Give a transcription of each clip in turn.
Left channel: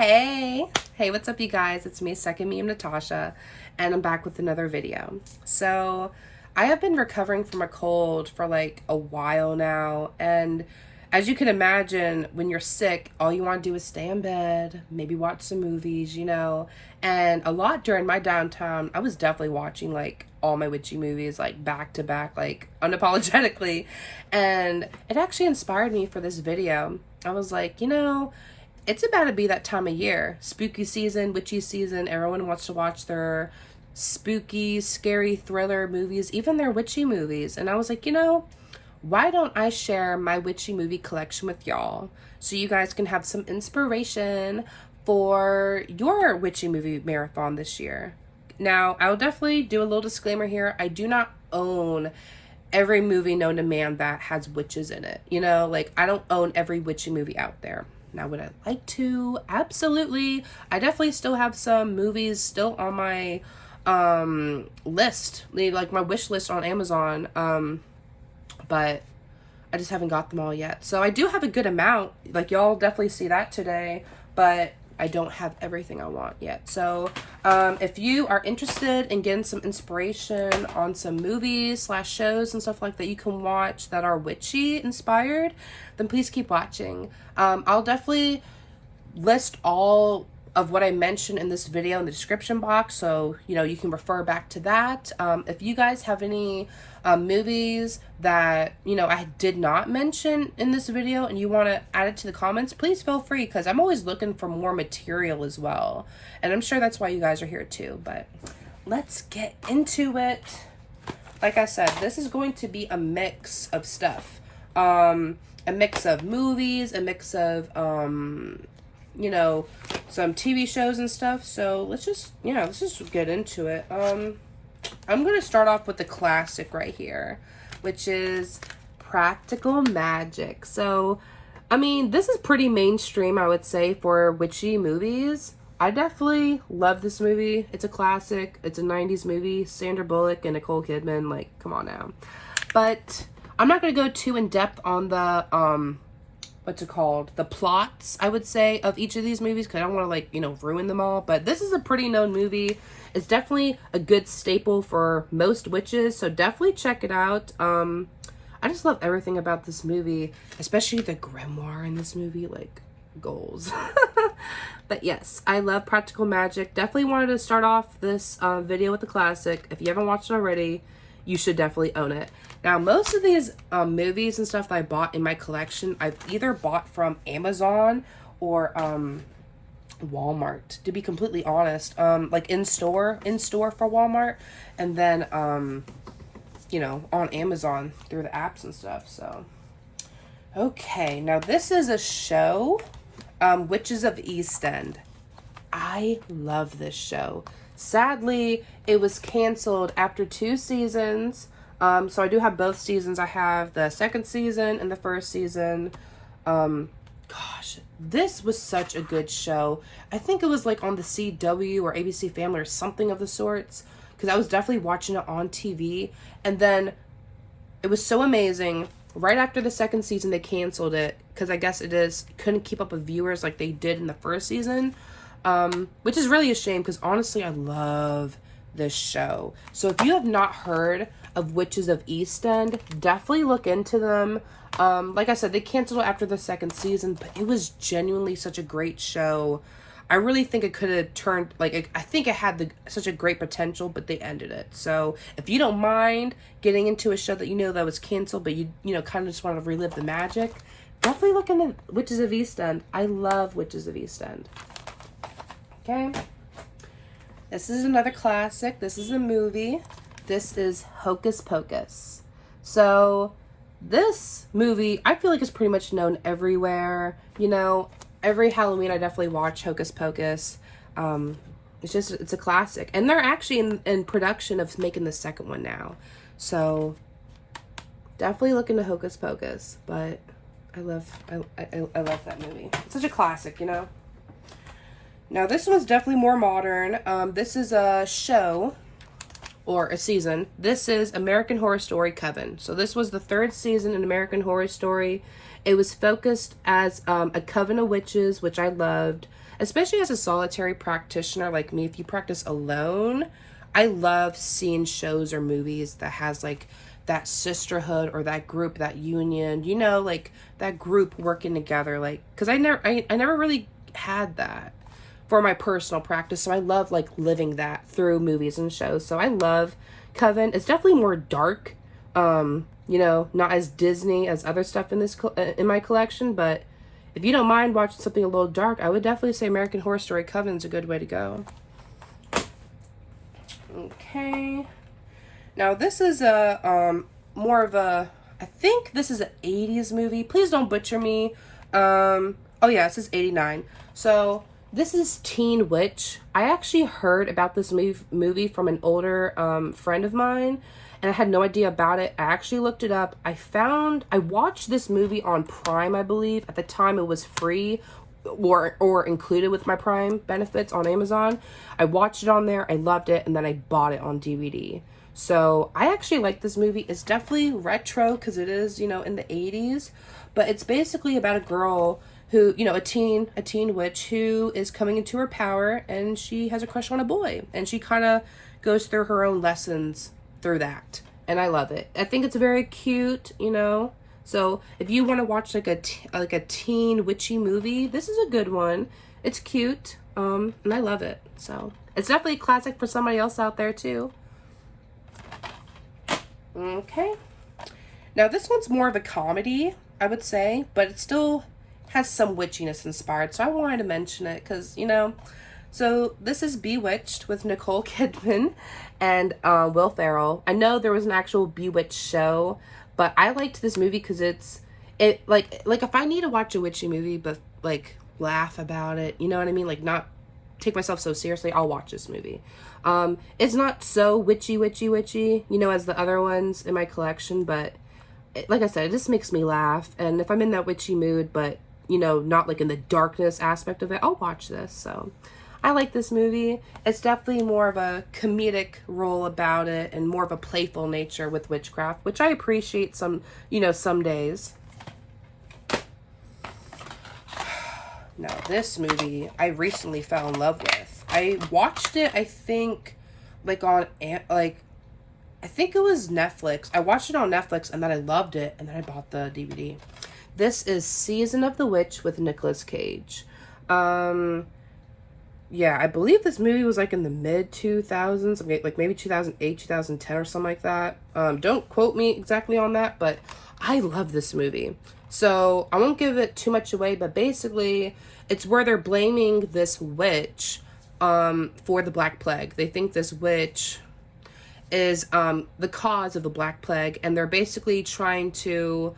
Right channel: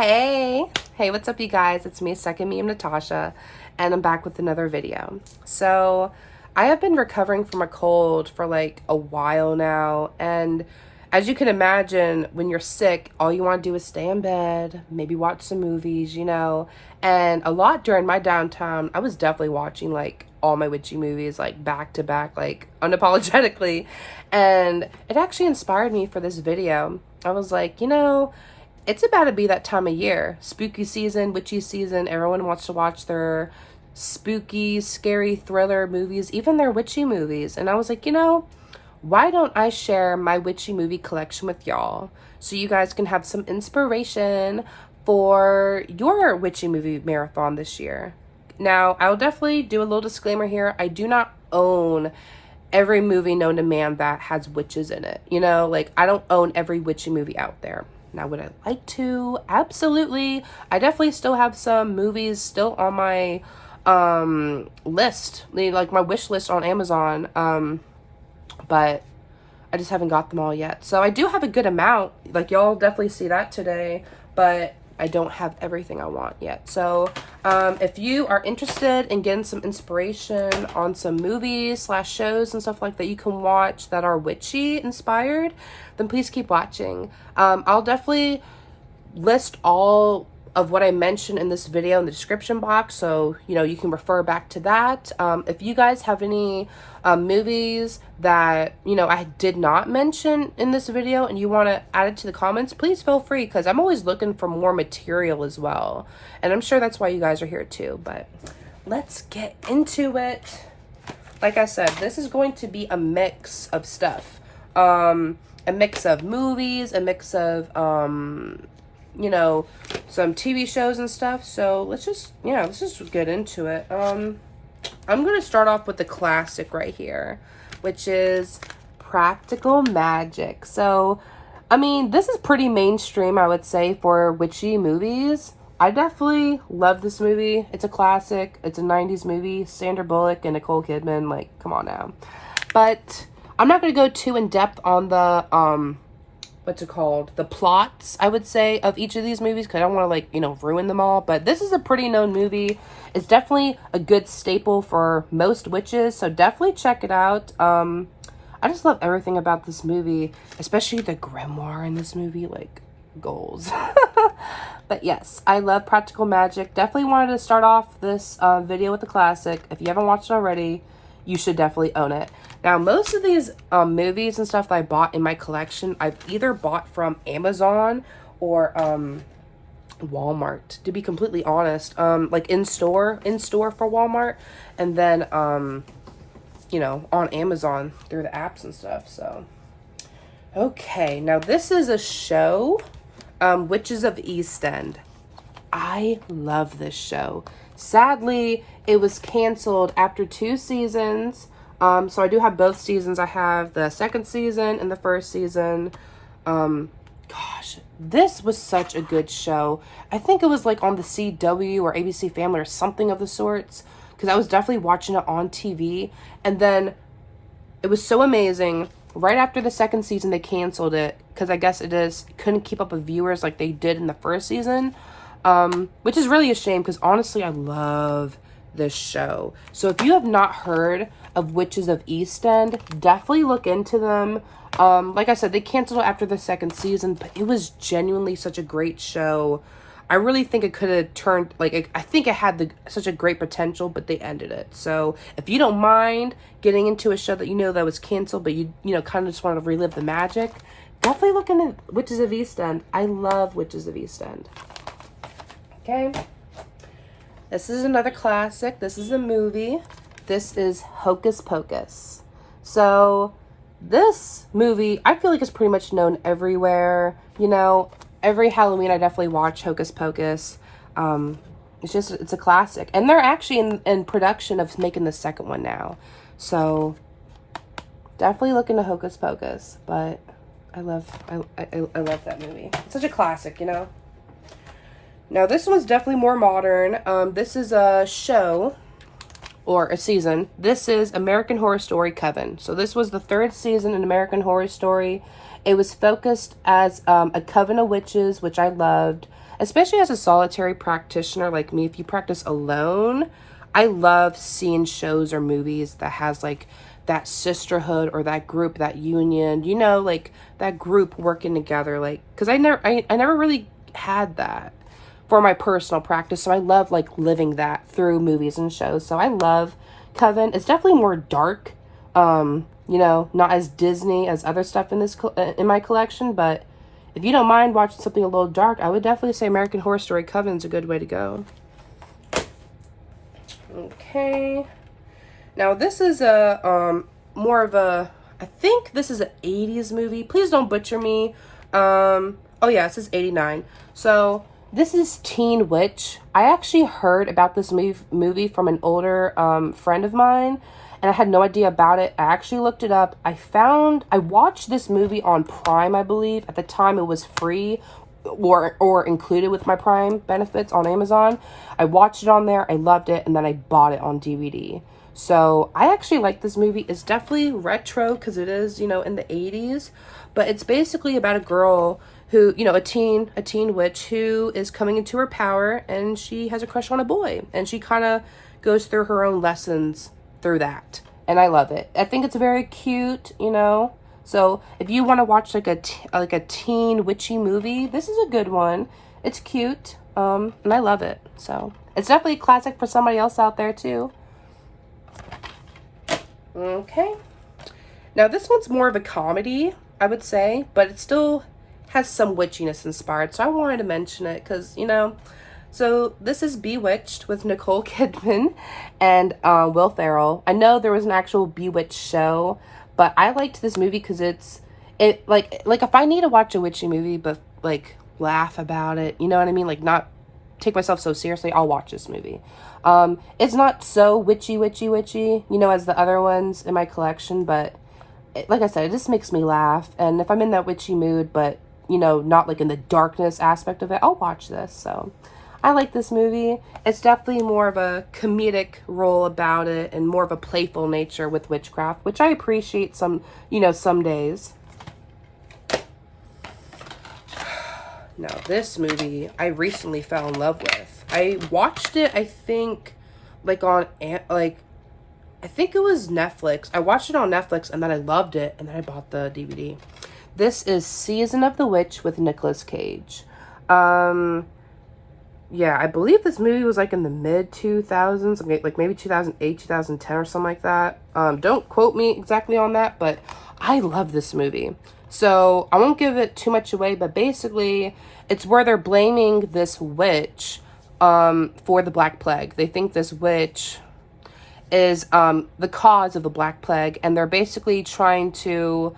Hey, what's up, you guys? It's me, second me, I'm Natasha, and I'm back with another video. So, I have been recovering from a cold for like a while now, and as you can imagine, when you're sick, all you want to do is stay in bed, maybe watch some movies, and a lot during my downtime, I was definitely watching like all my witchy movies, like back to back, like unapologetically, and it actually inspired me for this video. I was like, it's about to be that time of year. Spooky season, witchy season. Everyone wants to watch their spooky, scary thriller movies, even their witchy movies. And I was like, why don't I share my witchy movie collection with y'all so you guys can have some inspiration for your witchy movie marathon this year. Now, I'll definitely do a little disclaimer here. I do not own every movie known to man that has witches in it. I don't own every witchy movie out there. Now, would I like to? Absolutely. I definitely still have some movies still on my list, like my wish list on Amazon, but I just haven't got them all yet. So I do have a good amount, like y'all definitely see that today, but I don't have everything I want yet. So if you are interested in getting some inspiration on some movies / shows and stuff like that you can watch that are witchy inspired, then please keep watching. I'll definitely list all of what I mentioned in this video in the description box, so you can refer back to that. If you guys have any movies that I did not mention in this video and you want to add it to the comments, please feel free, because I'm always looking for more material as well, and I'm sure that's why you guys are here too. But let's get into it. Like I said, this is going to be a mix of stuff, a mix of movies, a mix of some TV shows and stuff. So let's just get into it. I'm gonna start off with the classic right here, which is Practical Magic. So I mean, this is pretty mainstream, I would say, for witchy movies. I definitely love this movie. It's a classic. It's a 90s movie. Sandra Bullock and Nicole Kidman, like, come on now. But I'm not going to go too in depth on the the plots, I would say, of each of these movies, because I don't want to ruin them all. But this is a pretty known movie. It's definitely a good staple for most witches, so definitely check it out. I just love everything about this movie, especially the grimoire in this movie, like, goals. But yes, I love Practical Magic. Definitely wanted to start off this video with the classic. If you haven't watched it already, you should definitely own it. Now, most of these movies and stuff that I bought in my collection, I've either bought from Amazon or Walmart, to be completely honest. Like in store for Walmart, and then on Amazon through the apps and stuff. So okay, now this is a show, Witches of East End. I love this show. Sadly, it was canceled after 2 seasons. So I do have both seasons. I have the second season and the first season. Gosh, this was such a good show. I think it was like on the CW or ABC Family or something of the sorts, because I was definitely watching it on TV. And then it was so amazing. Right after the second season, they canceled it because I guess couldn't keep up with viewers like they did in the first season, which is really a shame, because honestly, I love this show. So if you have not heard of Witches of East End, definitely look into them. Like I said, they canceled it after the second season, but it was genuinely such a great show. I really think it could have turned, I think it had such a great potential, but they ended it. So if you don't mind getting into a show that that was canceled, but you kind of just want to relive the magic, definitely look into Witches of East End. I love Witches of East End. Okay. This is another classic. This is a movie. This is Hocus Pocus. So this movie, I feel like it's pretty much known everywhere. Every Halloween I definitely watch Hocus Pocus. It's a classic. And they're actually in production of making the second one now. So definitely look into Hocus Pocus. But I love that movie. It's such a classic, Now this one's definitely more modern. This is a show or a season. This is American Horror Story Coven. So this was the 3rd season in American Horror Story. It was focused as a coven of witches, which I loved. especially as a solitary practitioner like me. If you practice alone, I love seeing shows or movies that has like that sisterhood or that group, that union, you know, like that group working together. Like, because I never really had that for my personal practice, so I love like living that through movies and shows. So I love Coven. It's definitely more dark, you know, not as Disney as other stuff in my collection, but if you don't mind watching something a little dark, I would definitely say American Horror Story Coven's a good way to go. Okay. Now this is a more of a, I think this is an 80s movie. Please don't butcher me. Oh yeah, this is 89. So this is Teen Witch. I actually heard about this movie from an older friend of mine, and I had no idea about it. I actually looked it up. I watched this movie on Prime, I believe. At the time it was free or included with my Prime benefits on Amazon. I watched it on there, I loved it, and then I bought it on DVD. So I actually like this movie. It's definitely retro because it is, you know, in the 80s, but it's basically about a girl who, you know, a teen witch who is coming into her power, and she has a crush on a boy, and she kind of goes through her own lessons through that, and I love it. I think it's very cute, you know. So if you want to watch like a teen witchy movie, this is a good one. It's cute, and I love it. So it's definitely a classic for somebody else out there too. Okay, now this one's more of a comedy, I would say, but it still has some witchiness inspired, so I wanted to mention it because, you know. So this is Bewitched with Nicole Kidman and Will Ferrell. I know there was an actual Bewitched show, but I liked this movie because it like if I need to watch a witchy movie but like laugh about it, you know what I mean, like not take myself so seriously, I'll watch this movie. It's not so witchy, you know, as the other ones in my collection, but like I said, it just makes me laugh, and if I'm in that witchy mood, but, you know, not like in the darkness aspect of it, I'll watch this. So I like this movie. It's definitely more of a comedic role about it and more of a playful nature with witchcraft, which I appreciate some, you know, some days. Now, this movie I recently fell in love with. I watched it, I think, like on, I think it was Netflix. I watched it on Netflix, and then I loved it, and then I bought the DVD. This is Season of the Witch with Nicolas Cage. Yeah, I believe this movie was like in the mid-2000s, like maybe 2008, 2010 or something like that. Don't quote me exactly on that, but I love this movie. So I won't give it too much away, but basically it's where they're blaming this witch for the Black Plague. They think this witch is the cause of the Black Plague, and they're basically trying to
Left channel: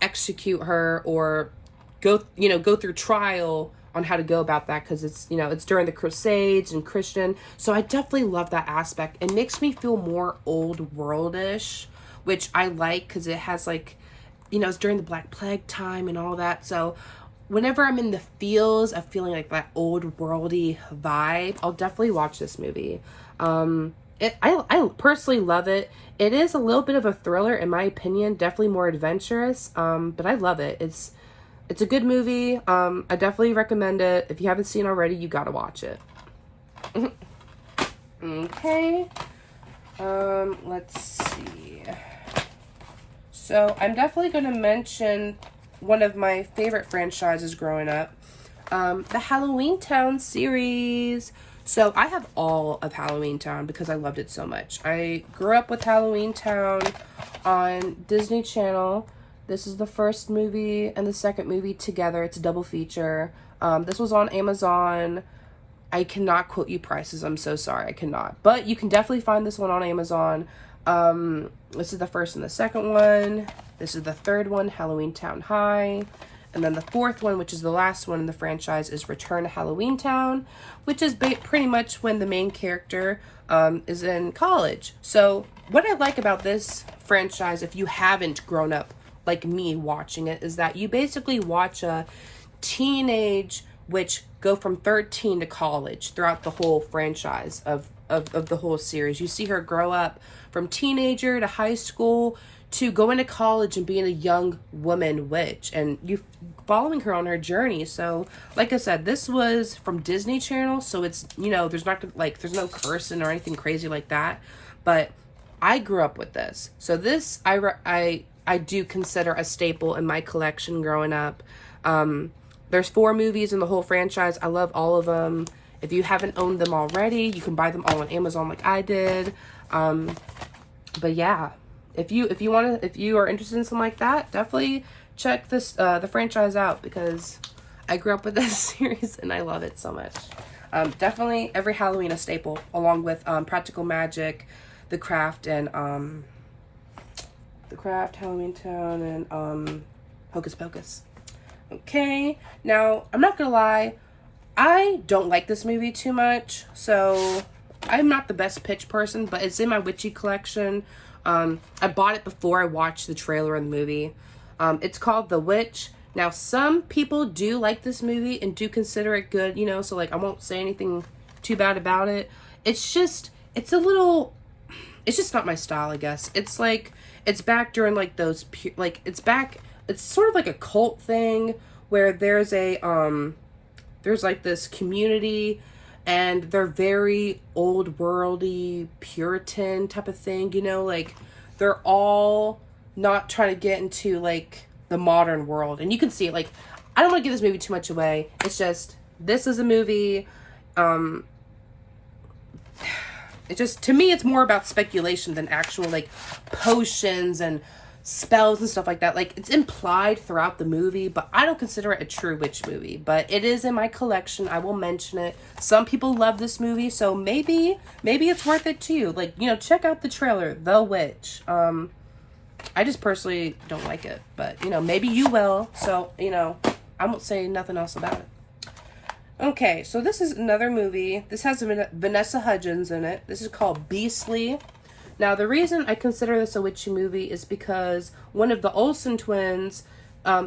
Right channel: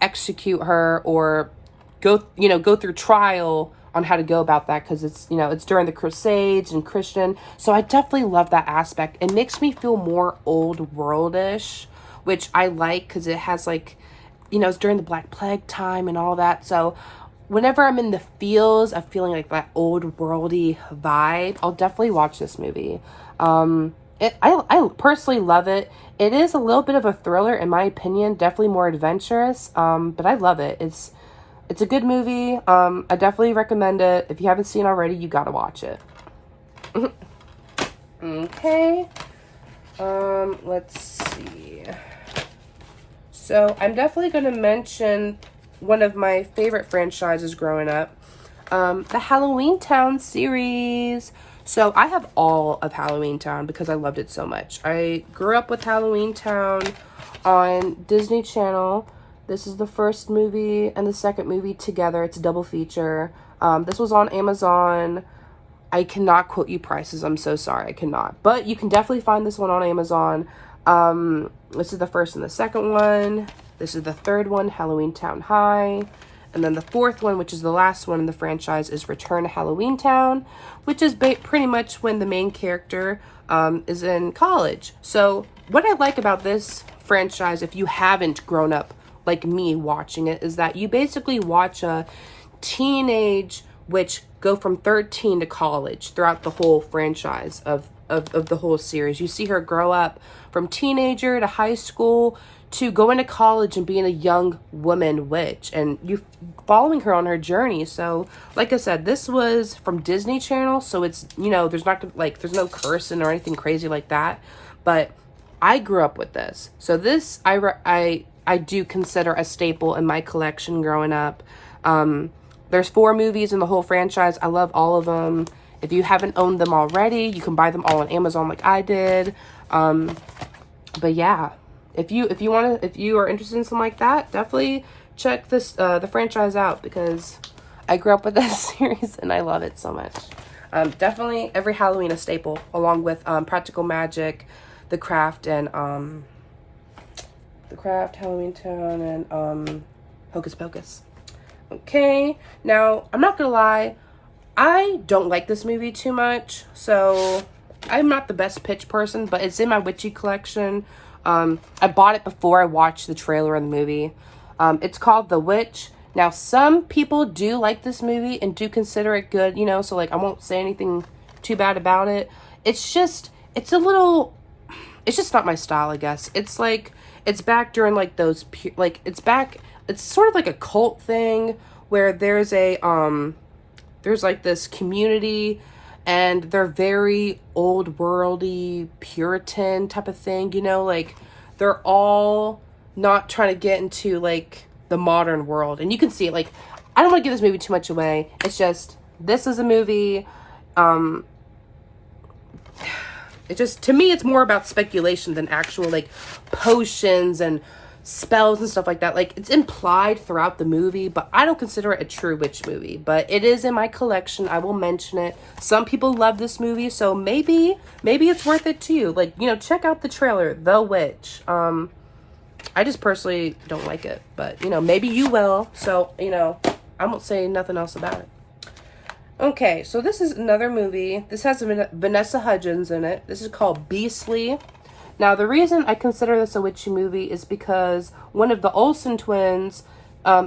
execute her or go through trial on how to go about that, because it's, you know, it's during the Crusades and Christian. So I definitely love that aspect. It makes me feel more old worldish, which I like because it has, like, you know, it's during the Black Plague time and all that. So whenever I'm in the feels of feeling like that old worldy vibe, I'll definitely watch this movie. I personally love it. It is a little bit of a thriller, in my opinion, definitely more adventurous, but I love it. It's a good movie. I definitely recommend it. If you haven't seen it already, you gotta watch it. Okay. Let's see. So I'm definitely going to mention one of my favorite franchises growing up, the Halloweentown series. So I have all of Halloweentown because I loved it so much. I grew up with Halloweentown on Disney Channel. This is the first movie and the second movie together. It's a double feature. This was on Amazon. I cannot quote you prices. I'm so sorry. I cannot. But you can definitely find this one on Amazon. This is the first and the second one. This is the third one, Halloweentown High. And then the fourth one, which is the last one in the franchise, is Return to Halloweentown, which is pretty much when the main character is in college. So what I like about this franchise, if you haven't grown up like me watching it, is that you basically watch a teenage witch go from 13 to college throughout the whole franchise of the whole series. You see her grow up from teenager to high school to going to college and being a young woman witch, and you following her on her journey. So, like I said, this was from Disney Channel, so it's, you know, there's not like, there's no cursing or anything crazy like that. But I grew up with this, so this I do consider a staple in my collection growing up. There's 4 movies in the whole franchise. I love all of them. If you haven't owned them already, you can buy them all on Amazon like I did. But yeah. If you are interested in something like that, definitely check this the franchise out, because I grew up with this series and I love it so much. Definitely every Halloween a staple, along with Practical Magic, The Craft, and Halloweentown, and Hocus Pocus. Okay, now I'm not gonna lie, I don't like this movie too much, so I'm not the best pitch person, but it's in my Witchy collection. I bought it before I watched the trailer of the movie. It's called The Witch. Now, some people do like this movie and do consider it good, you know, so, like, I won't say anything too bad about it. It's just not my style, I guess. It's, like, it's back during, like, those, it's sort of like a cult thing where there's like, this community, and they're very old worldy, Puritan type of thing, you know, like, they're all not trying to get into, like, the modern world. And you can see it, like, I don't want to give this movie too much away. It's just, this is a movie, it just, to me, it's more about speculation than actual, like, potions and spells and stuff like that. Like, it's implied throughout the movie, but I don't consider it a true witch movie. But it is in my collection. I will mention it. Some people love this movie, so maybe it's worth it to you. Like, you know, check out the trailer, The Witch. I just personally don't like it, but, you know, maybe you will. So, you know, I won't say nothing else about it. Okay, so this is another movie. This has Vanessa Hudgens in it. This is called Beastly. Now, the reason I consider this a witchy movie is because one of the Olsen twins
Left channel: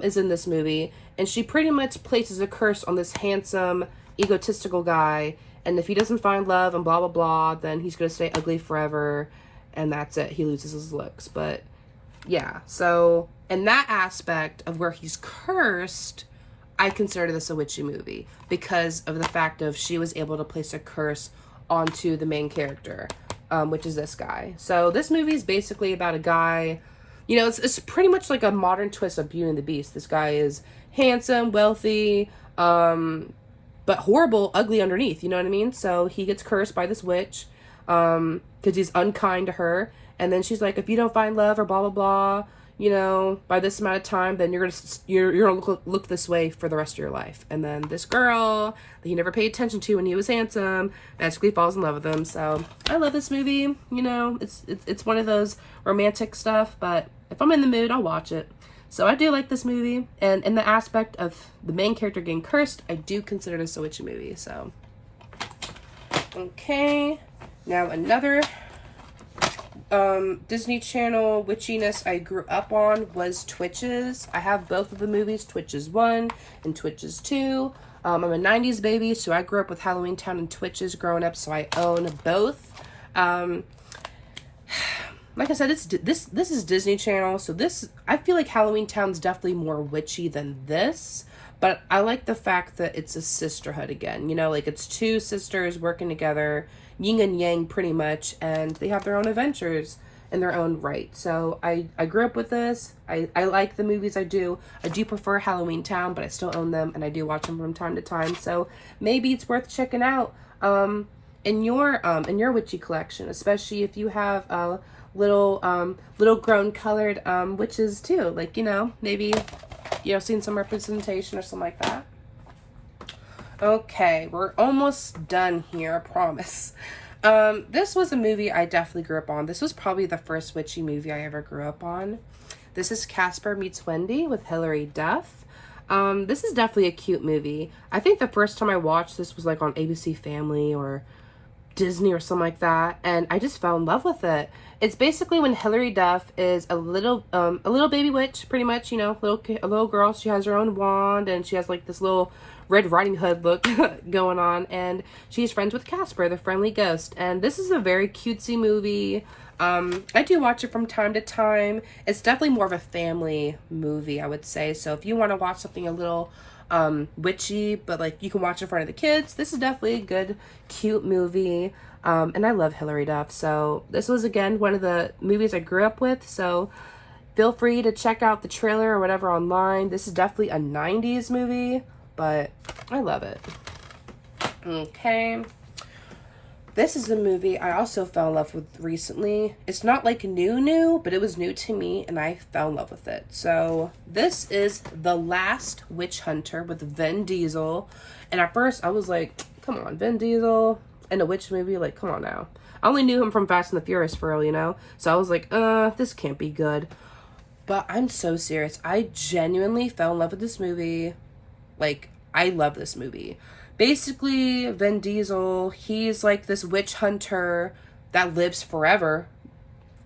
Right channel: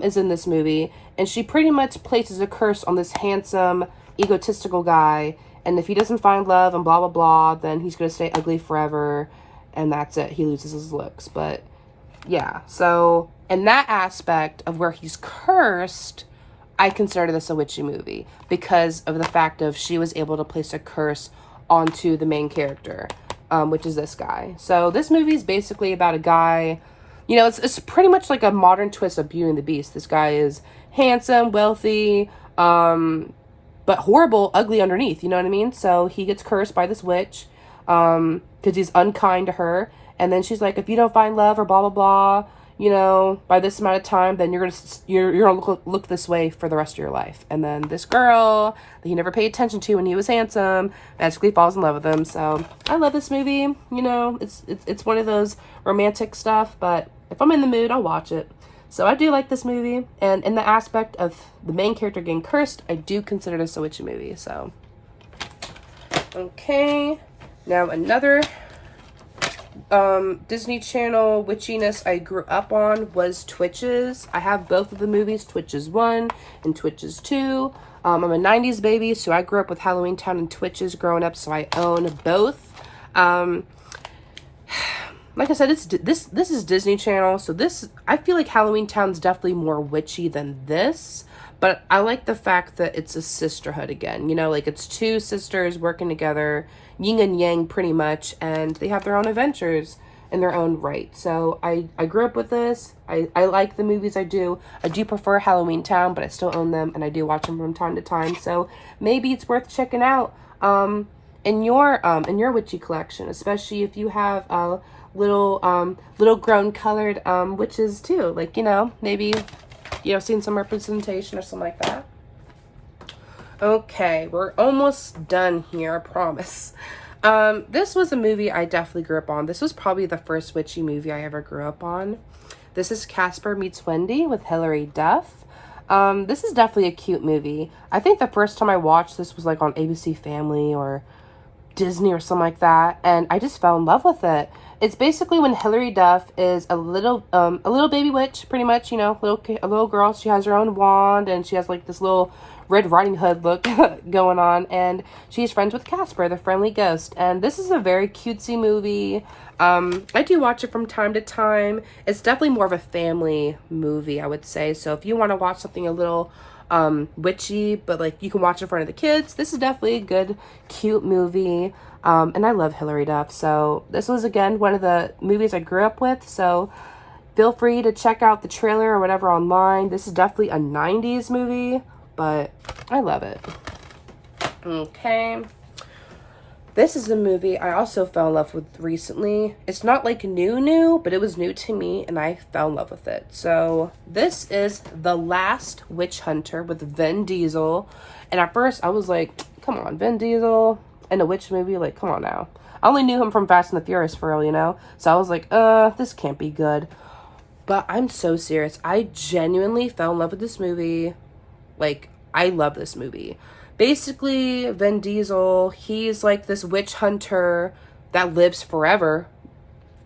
is in this movie, and she pretty much places a curse on this handsome, egotistical guy, and if he doesn't find love and blah, blah, blah, then he's going to stay ugly forever, and that's it. He loses his looks. But, yeah, so in that aspect of where he's cursed, I consider this a witchy movie because of the fact of she was able to place a curse onto the main character. Which is this guy. So this movie is basically about a guy, you know, it's pretty much like a modern twist of Beauty and the Beast. This guy is handsome, wealthy, but horrible, ugly underneath, you know what I mean? So he gets cursed by this witch, because he's unkind to her, and then she's like, if you don't find love or blah, blah, blah, you know, by this amount of time, then you're gonna look this way for the rest of your life. And then this girl that he never paid attention to when he was handsome magically falls in love with him. So I love this movie. You know, it's one of those romantic stuff, but if I'm in the mood, I'll watch it. So I do like this movie, and in the aspect of the main character getting cursed, I do consider this a witchy movie. So okay, now another Disney Channel witchiness I grew up on was Twitches. I have both of the movies, Twitches 1 and Twitches 2. I'm a 90s baby, so I grew up with Halloweentown and Twitches growing up, so I own both. Like I said, this is Disney Channel, so I feel like Halloweentown's definitely more witchy than this, but I like the fact that it's a sisterhood again. You know, like, it's 2 sisters working together, yin and yang pretty much, and they have their own adventures in their own right. So I grew up with this. I like the movies. I do prefer Halloweentown, but I still own them, and I do watch them from time to time. So maybe it's worth checking out in your witchy collection, especially if you have little grown colored witches too. Like, you know, maybe, you know, seeing some representation or something like that. Okay, we're almost done here, I promise. This was a movie I definitely grew up on. This was probably the first witchy movie I ever grew up on. This is Casper Meets Wendy with Hilary, Duff. This is definitely a cute movie. I think the first time I watched this was like on ABC Family or Disney or something like that, and I just fell in love with it. It's basically when Hilary Duff is a little baby witch, pretty much, you know, a little girl. She has her own wand, and she has like this little Red Riding Hood look going on, and she's friends with Casper, the friendly ghost. And this is a very cutesy movie. I do watch it from time to time. It's definitely more of a family movie, I would say. So if you want to watch something a little witchy, but like you can watch in front of the kids, this is definitely a good, cute movie. And I love Hilary Duff. So this was, again, one of the movies I grew up with. So feel free to check out the trailer or whatever online. This is definitely a 90s movie, but I love it. Okay. This is a movie I also fell in love with recently. It's not like new, but it was new to me and I fell in love with it. So this is The Last Witch Hunter with Vin Diesel. And at first I was like, come on, Vin Diesel in a witch movie? Like, come on now. I only knew him from Fast and the Furious for real, you know? So I was like, this can't be good. But I'm so serious. I genuinely fell in love with this movie. Like, I love this movie. Basically, Vin Diesel, he's like this witch hunter that lives forever.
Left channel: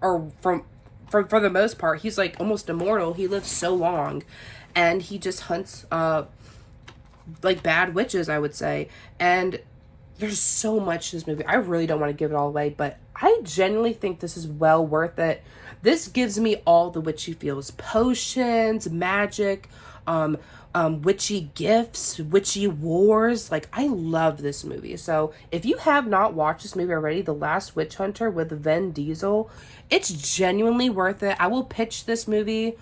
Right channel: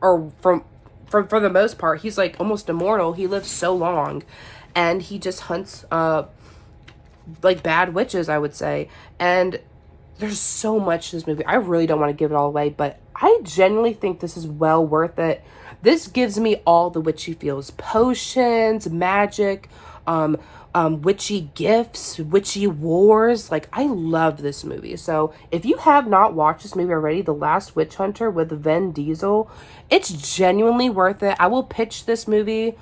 Or for the most part, he's like almost immortal. He lives so long. And he just hunts like bad witches, I would say. And there's so much to this movie. I really don't want to give it all away, but I genuinely think this is well worth it. This gives me all the witchy feels. Potions, magic, witchy gifts, witchy wars. Like, I love this movie. So if you have not watched this movie already, The Last Witch Hunter with Vin Diesel, it's genuinely worth it. I will pitch this movie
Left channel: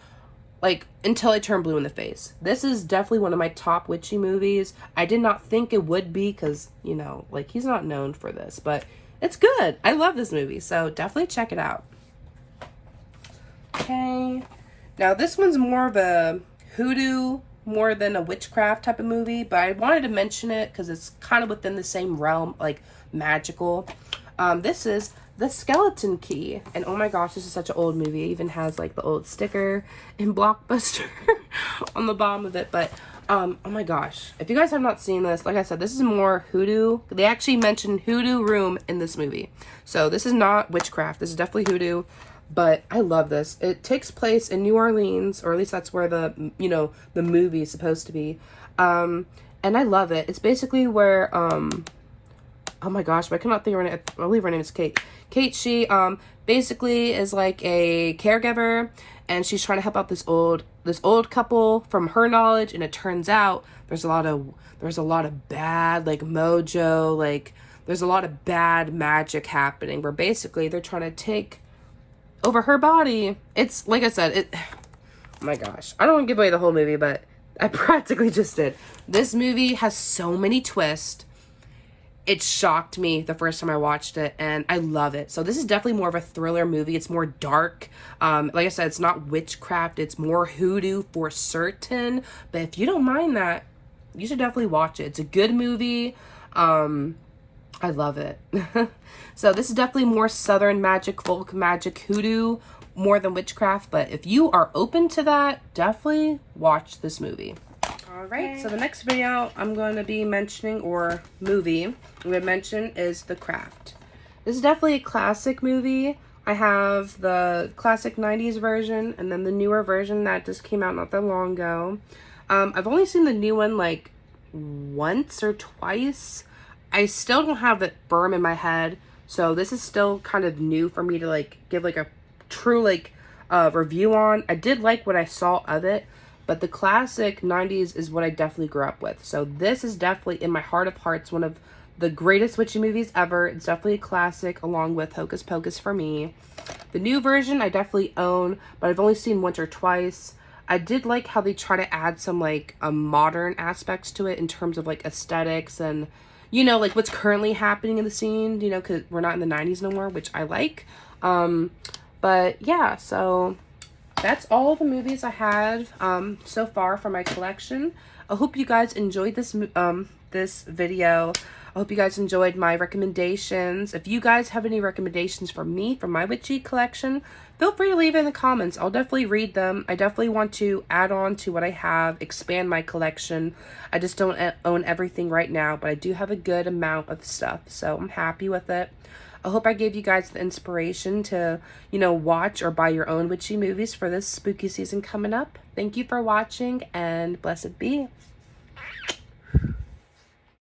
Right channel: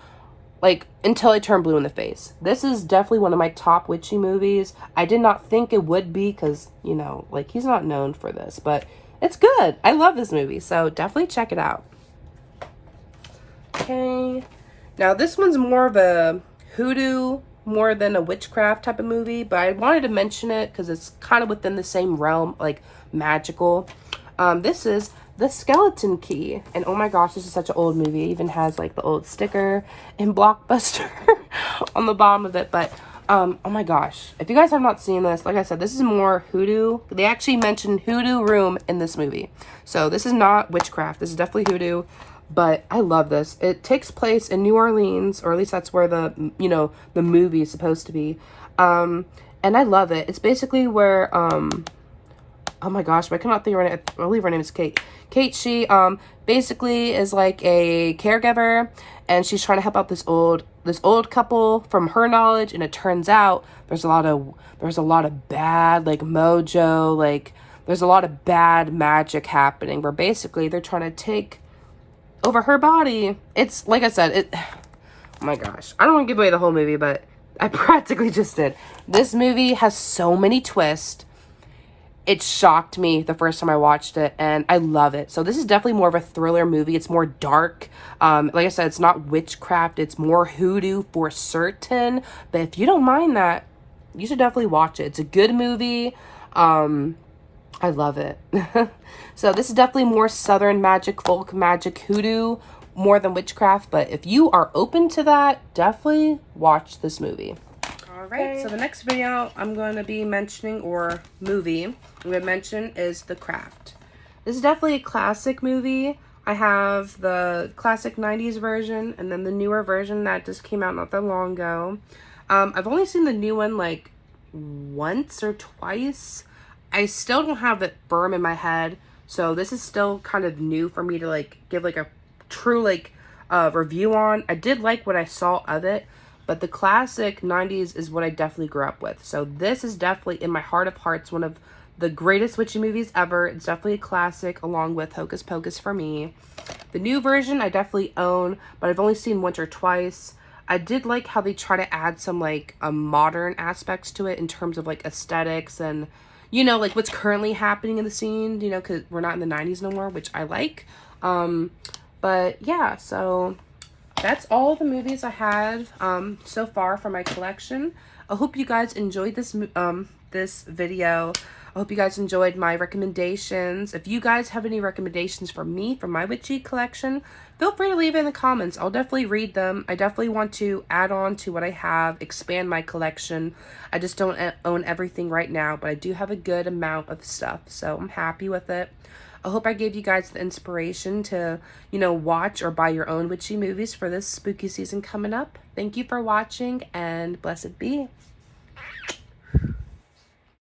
like until I turn blue in the face. This is definitely one of my top witchy movies. I did not think it would be because, you know, like, he's not known for this, but it's good. I love this movie, so definitely check it out. Okay, now this one's more of a hoodoo more than a witchcraft type of movie, but I wanted to mention it because it's kind of within the same realm, like magical. This is The Skeleton Key, and oh my gosh, this is such an old movie. It even has like the old sticker in Blockbuster on the bottom of it. But oh my gosh, if you guys have not seen this, like I said, this is more hoodoo. They actually mentioned hoodoo room in this movie, so this is not witchcraft. This is definitely hoodoo. But I love this. It takes place in New Orleans, or at least that's where the, you know, the movie is supposed to be. And I love it. It's basically where, oh my gosh, but I cannot think of her name. I believe her name is Kate. Kate, she, basically is like a caregiver, and she's trying to help out this old couple from her knowledge, and it turns out there's a lot of bad, like, mojo, like, there's a lot of bad magic happening, where basically they're trying to take over her body. It's like I said, oh my gosh, I don't want to give away the whole movie, but I practically just did. This movie has so many twists. It shocked me the first time I watched it, and I love it. So this is definitely more of a thriller movie. It's more dark. Like I said, it's not witchcraft. It's more hoodoo for certain. But if you don't mind that, you should definitely watch it. It's a good movie. I love it. So this is definitely more southern magic, folk magic, hoodoo, more than witchcraft. But if you are open to that, definitely watch this movie. Alright, so the next video I'm going to be mentioning, or movie I'm going to mention, is The Craft. This is definitely a classic movie. I have the classic 90s version and then the newer version that just came out not that long ago. I've only seen the new one like once or twice. I still don't have it firm in my head, so this is still kind of new for me to like give like a true like review on. I did like what I saw of it, but the classic 90s is what I definitely grew up with. So this is definitely, in my heart of hearts, one of the greatest witchy movies ever. It's definitely a classic, along with Hocus Pocus for me. The new version I definitely own, but I've only seen once or twice. I did like how they try to add some like modern aspects to it in terms of like aesthetics and, you know, like what's currently happening in the scene, you know, because we're not in the 90s no more, which I like. But yeah, so that's all the movies I had so far for my collection. I hope you guys enjoyed this this video. I hope you guys enjoyed my recommendations. If you guys have any recommendations for me for my witchy collection, feel free to leave it in the comments. I'll definitely read them. I definitely want to add on to what I have, expand my collection. I just don't own everything right now, but I do have a good amount of stuff, so I'm happy with it. I hope I gave you guys the inspiration to, you know, watch or buy your own witchy movies for this spooky season coming up. Thank you for watching, and blessed be.